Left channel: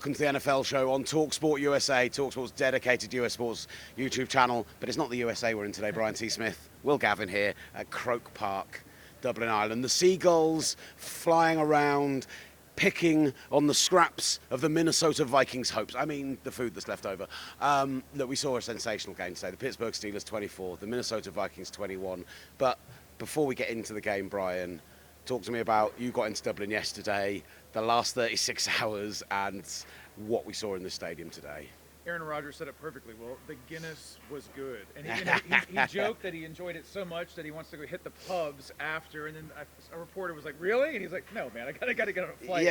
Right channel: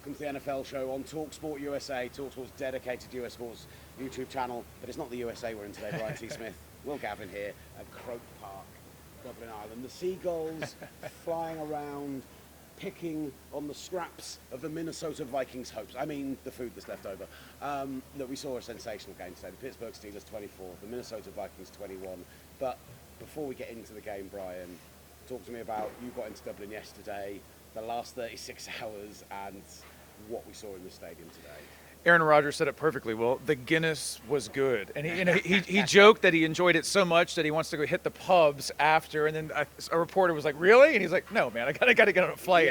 welcome to the NFL show on talkSPORT USA, talkSPORT's dedicated US sports YouTube channel. But it's not the USA we're in today, Brian T. Smith. Will Gavin here at Croke Park, Dublin, Ireland. The seagulls flying around, picking on the scraps of the Minnesota Vikings' hopes. I mean, the food that's left over. That we saw a sensational game today. The Pittsburgh Steelers 24, the Minnesota Vikings 21. But before we get into the game, Brian, talk to me about, you got into Dublin yesterday, the last 36 hours, and what we saw in the stadium today. Aaron Rodgers said it perfectly. Well, the Guinness was good, and he joked that he enjoyed it so much that he wants to go hit the pubs after. And then a reporter was like, "Really?" And he's like, "No, man, I gotta get on a flight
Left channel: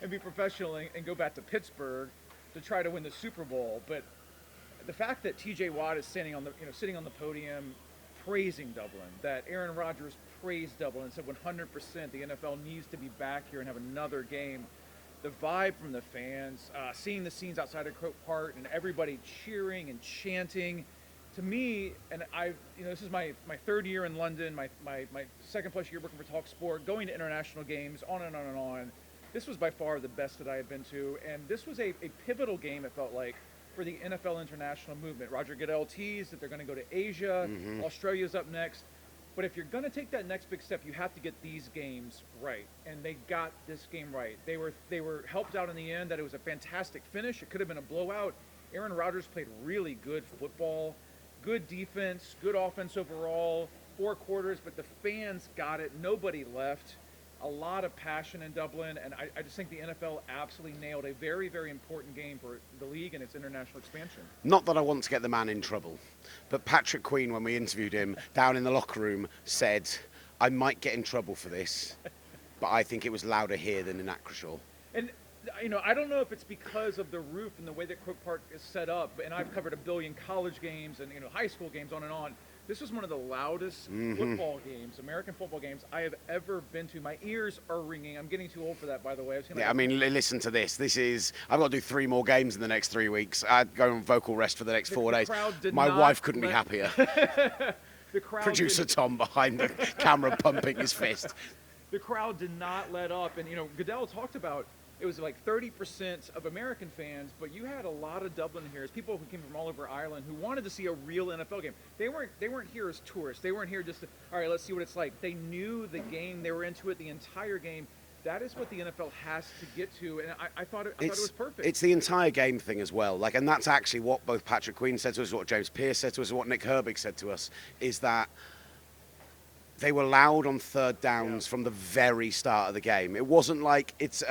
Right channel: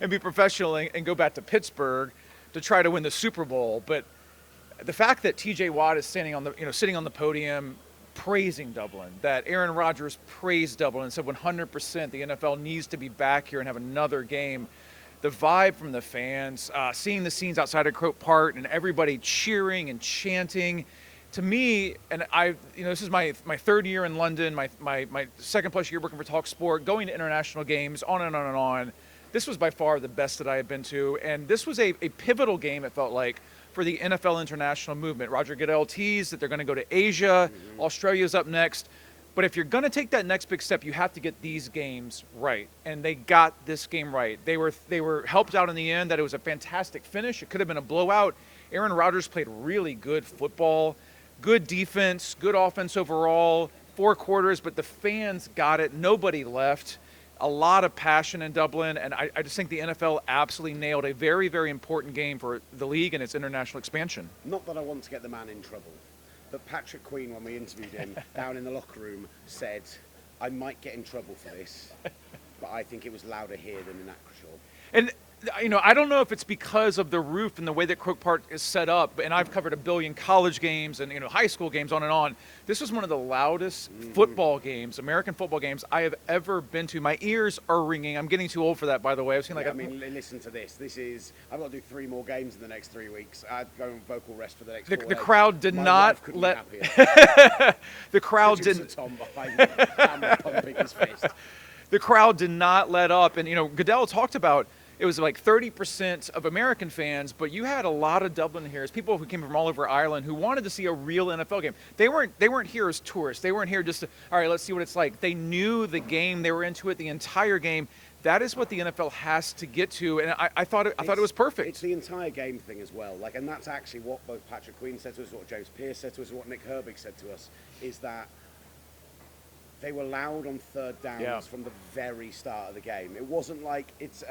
and be professional and go back to Pittsburgh to try to win the Super Bowl." But the fact that T.J. Watt is sitting on the podium praising Dublin, that Aaron Rodgers praised Dublin and said 100% the NFL needs to be back here and have another game. The vibe from the fans, seeing the scenes outside of Croke Park and everybody cheering and chanting, to me, and this is my third year in London, my second plus year working for talkSPORT, going to international games, on and on and on. This was by far the best that I have been to, and this was a pivotal game, it felt like, for the NFL international movement. Roger Goodell teased that they're going to go to Asia. Australia's up next. But if you're going to take that next big step, you have to get these games right. And they got this game right. They were helped out in the end that it was a fantastic finish. It could have been a blowout. Aaron Rodgers played really good football, good defense, good offense overall, 4 quarters, but the fans got it. Nobody left. A lot of passion in Dublin, and I just think the NFL absolutely nailed a very, very important game for the league and its international expansion. Not that I want to get the man in trouble, but Patrick Queen, when we interviewed him down in the locker room, said, "I might get in trouble for this, but I think it was louder here than in Acrisure." And I don't know if it's because of the roof and the way that Croke Park is set up, and I've covered a billion college games and high school games, on and on. This was one of the loudest football games, American football games, I have ever been to. My ears are ringing. I'm getting too old for that, by the way. Listen to this. I've got to do 3 more games in the next 3 weeks. I'd go on vocal rest for the next 4 days. The crowd did My not wife couldn't be happier. The crowd Producer Tom behind the camera pumping his fist. The crowd did not let up. And, Goodell talked about, it was like 30% of American fans, but you had a lot of Dubliners, people who came from all over Ireland, who wanted to see a real NFL game. They weren't here as tourists. They weren't here just to, all right, let's see what it's like. They knew the game. They were into it the entire game. That is what the NFL has to get to, and I thought it was perfect. It's the entire game thing as well. And that's actually what both Patrick Queen said to us, what James Pierce said to us, and what Nick Herbig said to us, is that they were loud on third downs from the very start of the game. It wasn't like it's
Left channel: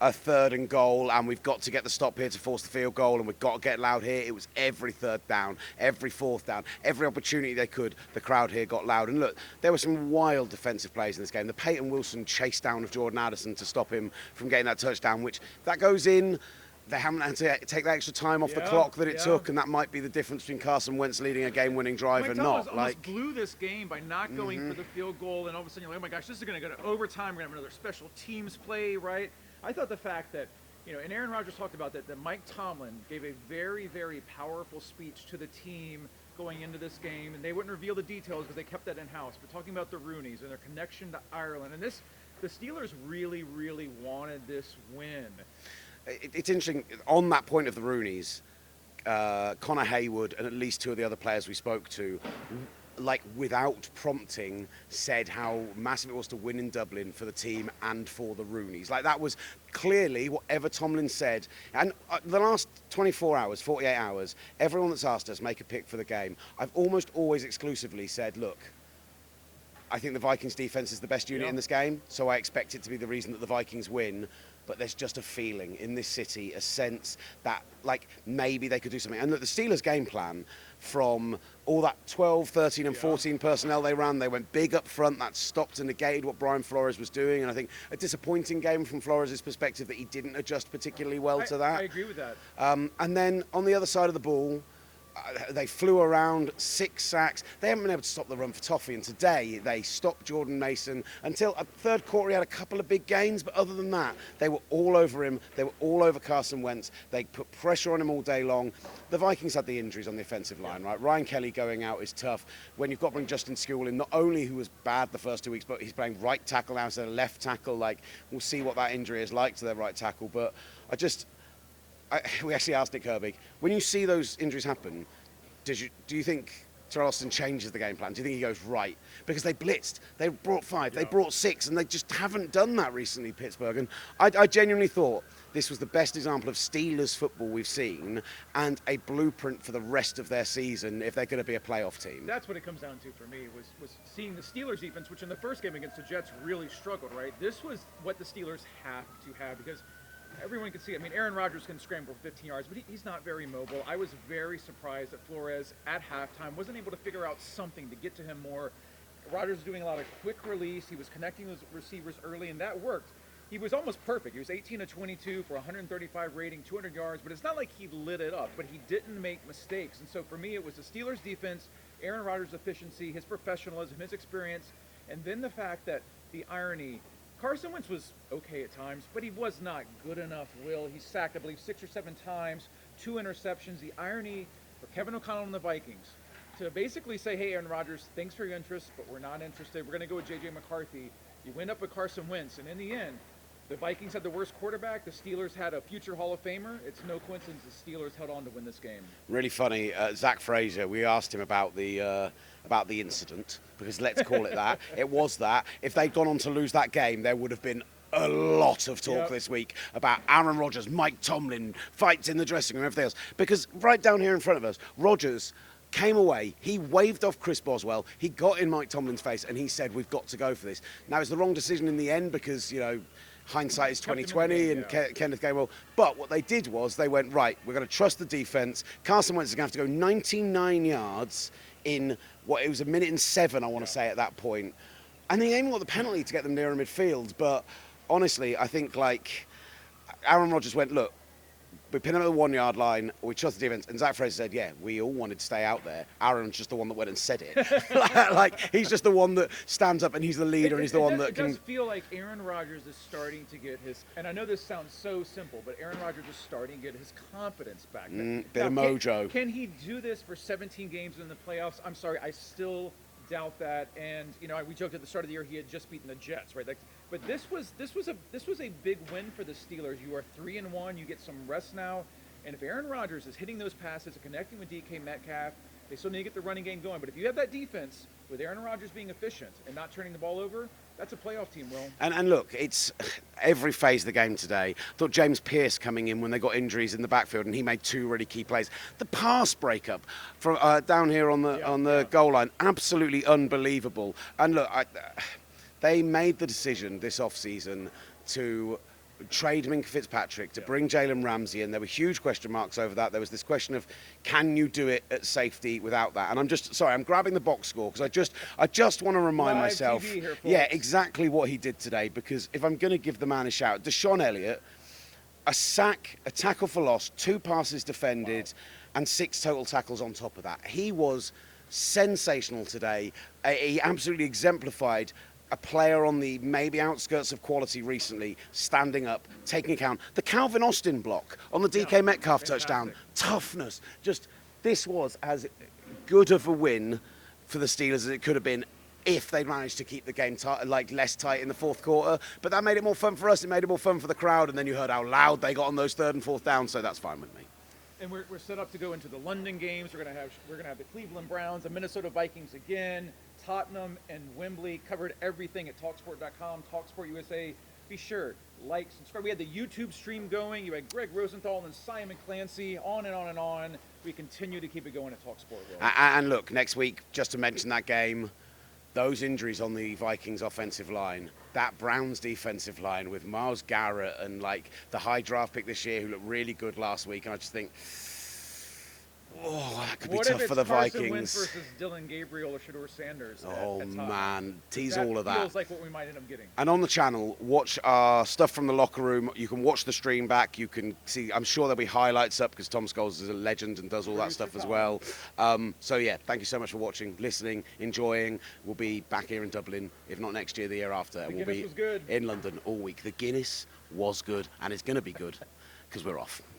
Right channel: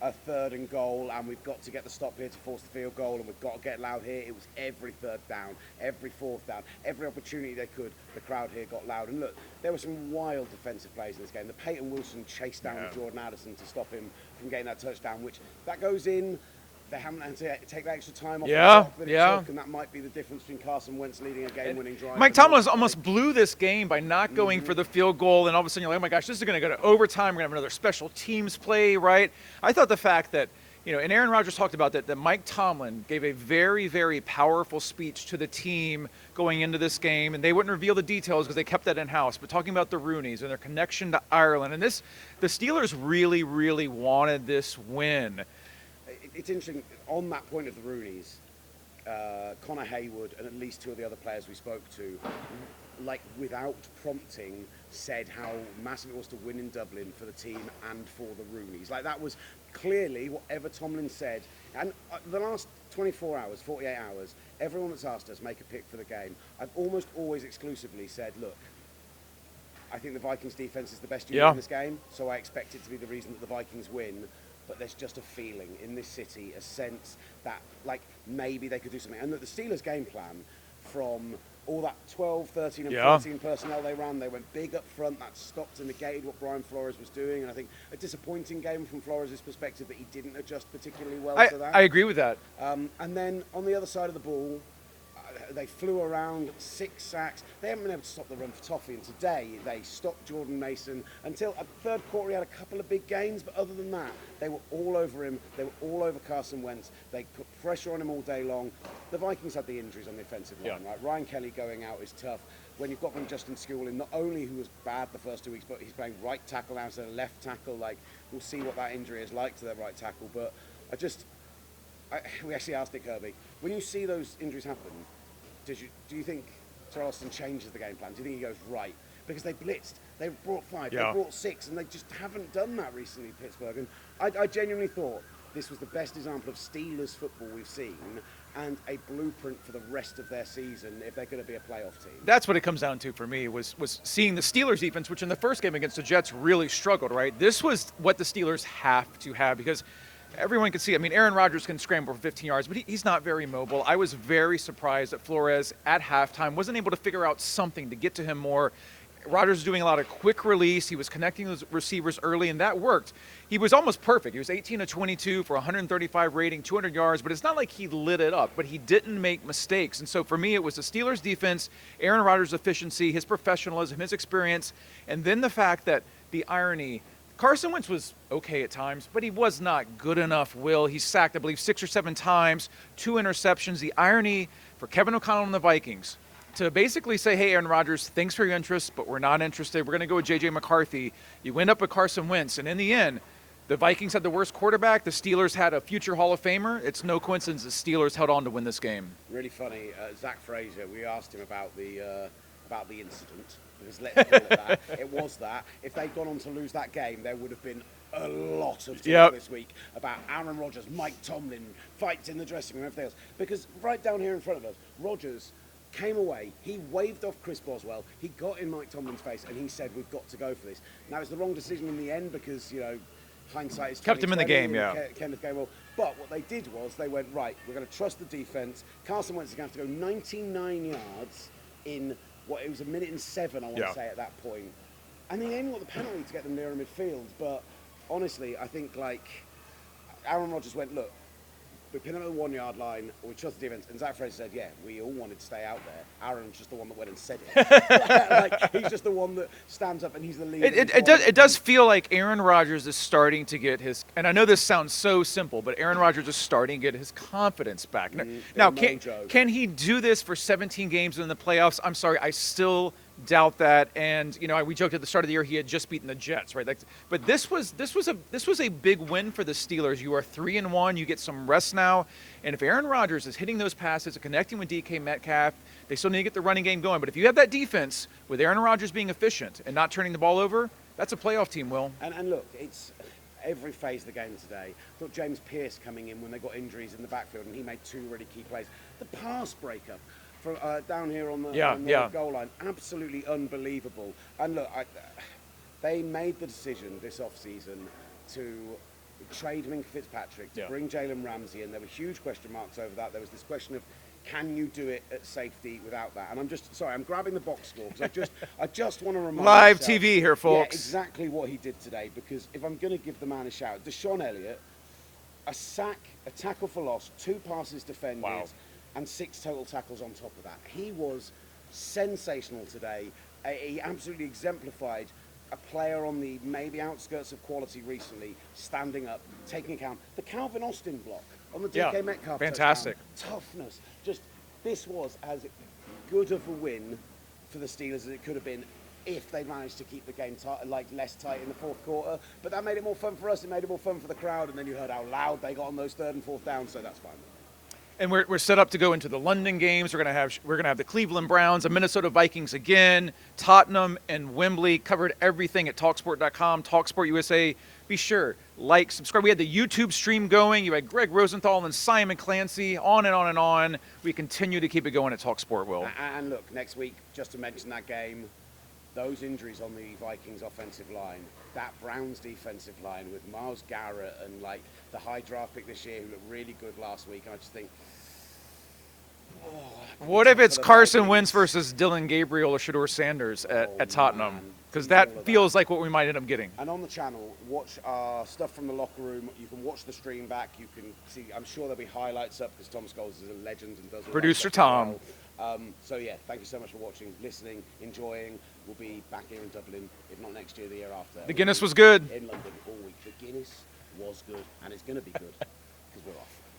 a 3rd and goal and we've got to get the stop here to force the field goal and we've got to get loud here. It was every 3rd down, every 4th down, every opportunity they could, the crowd here got loud. And look, there were some wild defensive plays in this game. The Peyton Wilson chase down of Jordan Addison to stop him from getting that touchdown, which that goes in. They haven't had to take that extra time off the clock that it took, and that might be the difference between Carson Wentz leading a game-winning drive. Mike Tomlin almost blew this game by not going for the field goal, and all of a sudden you're like, oh my gosh, this is going to go to overtime. We're going to have another special teams play, right? I thought the fact that, and Aaron Rodgers talked about that Mike Tomlin gave a very, very powerful speech to the team going into this game, and they wouldn't reveal the details because they kept that in-house, but talking about the Rooneys and their connection to Ireland, and the Steelers really, really wanted this win. It's interesting, on that point of the Rooneys, Connor Haywood and at least 2 of the other players we spoke to, like without prompting, said how massive it was to win in Dublin for the team and for the Rooneys. Like, that was clearly whatever Tomlin said. And the last 24 hours, 48 hours, everyone that's asked us make a pick for the game, I've almost always exclusively said, look, I think the Vikings defense is the best unit in this game, so I expect it to be the reason that the Vikings win. But there's just a feeling in this city, a sense that, like, maybe they could do something. And look, the Steelers' game plan, from all that 12, 13, and 14 personnel they ran, they went big up front. That stopped and negated what Brian Flores was doing. And I think a disappointing game from Flores' perspective that he didn't adjust particularly well to that. I agree with that. And then on the other side of the ball, they flew around, 6 sacks. They haven't been able to stop the run for Toffee, and today they stopped Jordan Mason until a 3rd quarter. He had a couple of big gains, but other than that, they were all over him. They were all over Carson Wentz. They put pressure on him all day long. The Vikings had the injuries on the offensive line, right? Ryan Kelly going out is tough. When you've got to bring Justin Skule in, not only who was bad the first 2 weeks, but he's playing right tackle now instead of left tackle. Like, we'll see what that injury is like to their right tackle. But we actually asked Nick Herbig, when you see those injuries happen, do you think Terrell Austin changes the game plan? Do you think he goes, right? Because they blitzed, they brought 5, they brought 6, and they just haven't done that recently, Pittsburgh. And I genuinely thought this was the best example of Steelers football we've seen, and a blueprint for the rest of their season if they're going to be a playoff team. That's what it comes down to for me, was seeing the Steelers defense, which in the first game against the Jets really struggled, right? This was what the Steelers have to have, because everyone can see, I mean, Aaron Rodgers can scramble for 15 yards, but he's not very mobile. I was very surprised that Flores at halftime wasn't able to figure out something to get to him more. Rodgers was doing a lot of quick release. He was connecting those receivers early, and that worked. He was almost perfect. He was 18 of 22 for 135 rating, 200 yards, but it's not like he lit it up, but he didn't make mistakes. And so for me, it was the Steelers' defense, Aaron Rodgers' efficiency, his professionalism, his experience, and then the fact that the irony, Carson Wentz was okay at times, but he was not good enough, Will. He sacked, I believe, 6 or 7 times, 2 interceptions. The irony for Kevin O'Connell and the Vikings to basically say, hey, Aaron Rodgers, thanks for your interest, but we're not interested. We're going to go with J.J. McCarthy. You end up with Carson Wentz, and in the end, the Vikings had the worst quarterback. The Steelers had a future Hall of Famer. It's no coincidence the Steelers held on to win this game. Really funny. Zach Frazier, we asked him about the incident, because let's call it that. It was that. If they'd gone on to lose that game, there would have been a lot of talk this week about Aaron Rodgers, Mike Tomlin, fights in the dressing room, everything else. Because right down here in front of us, Rodgers came away, he waved off Chris Boswell, he got in Mike Tomlin's face, and he said, we've got to go for this. Now, it's the wrong decision in the end because, you know, hindsight is 20/20. Kept him in the game, Kenneth Gainwell. But what they did was they went, right, we're going to trust the defense. Carson Wentz is going to have to go 99 yards in it was 1:07, I want to say, at that point. And they even got the penalty to get them nearer midfield. But honestly, I think, like, Aaron Rodgers went, look, we pin him at the 1 yard line, we trust the defense, and Zach Frazier said, yeah, we all wanted to stay out there. Aaron's just the one that went and said it. Like, he's just the one that stands up, and he's the leader. It does feel like Aaron Rodgers is starting to get his, and I know this sounds so simple, but Aaron Rodgers is starting to get his confidence back. Now, can he do this for 17 games in the playoffs? I'm sorry, I still doubt that. And you know, we joked at the start of the year he had just beaten the Jets, right? But this was a big win for the Steelers. You are 3-1. You get some rest now, and if Aaron Rodgers is hitting those passes and connecting with DK Metcalf, they still need to get the running game going. But if you have that defense with Aaron Rodgers being efficient and not turning the ball over, that's a playoff team, Will. And look, it's every phase of the game today. I thought James Pierce coming in when they got injuries in the backfield, and he made 2 really key plays. The pass breakup from down here on the goal line, absolutely unbelievable. And look, they made the decision this offseason to trade Minka Fitzpatrick, to bring Jalen Ramsey in. There were huge question marks over that. There was this question of, can you do it at safety without that? And I'm grabbing the box score because I just want to remind Live myself, TV here, folks. Yeah, exactly what he did today, because if I'm going to give the man a shout, Deshaun Elliott, a sack, a tackle for loss, 2 passes defended, and 6 total tackles on top of that. He was sensational today. He absolutely exemplified a player on the maybe outskirts of quality recently, standing up, taking account. The Calvin Austin block on the DK Metcalf touchdown. Toughness. Just, this was as good of a win for the Steelers as it could have been if they managed to keep the game less tight in the fourth quarter. But that made it more fun for us. It made it more fun for the crowd. And then you heard how loud they got on those 3rd and 4th downs, so that's fine with me. And we're set up to go into the London games. We're gonna have the Cleveland Browns, the Minnesota Vikings again, Tottenham and Wembley. Covered everything at talksport.com, talkSPORT USA. Be sure, like, subscribe. We had the YouTube stream going. You had Greg Rosenthal and Simon Clancy, on and on and on. We continue to keep it going at talkSPORT, Will. And look, next week, just to mention that game, those injuries on the Vikings offensive line, that Browns defensive line with Myles Garrett and like the high draft pick this year who looked really good last week, and I just think, what if it's Carson Wentz versus Dylan Gabriel or Shedeur Sanders at Tottenham? Because that feels like what we might end up getting. And on the channel, watch our stuff from the locker room. You can watch the stream back. You can see, I'm sure there'll be highlights up because Tom Scholes is a legend and does all Producer that stuff Tom. as well. So yeah, thank you so much for watching, listening, enjoying. We'll be back here in Dublin, if not next year, the year after. The Guinness was good. In London all week. The Guinness was good, and it's going to be good because we're off.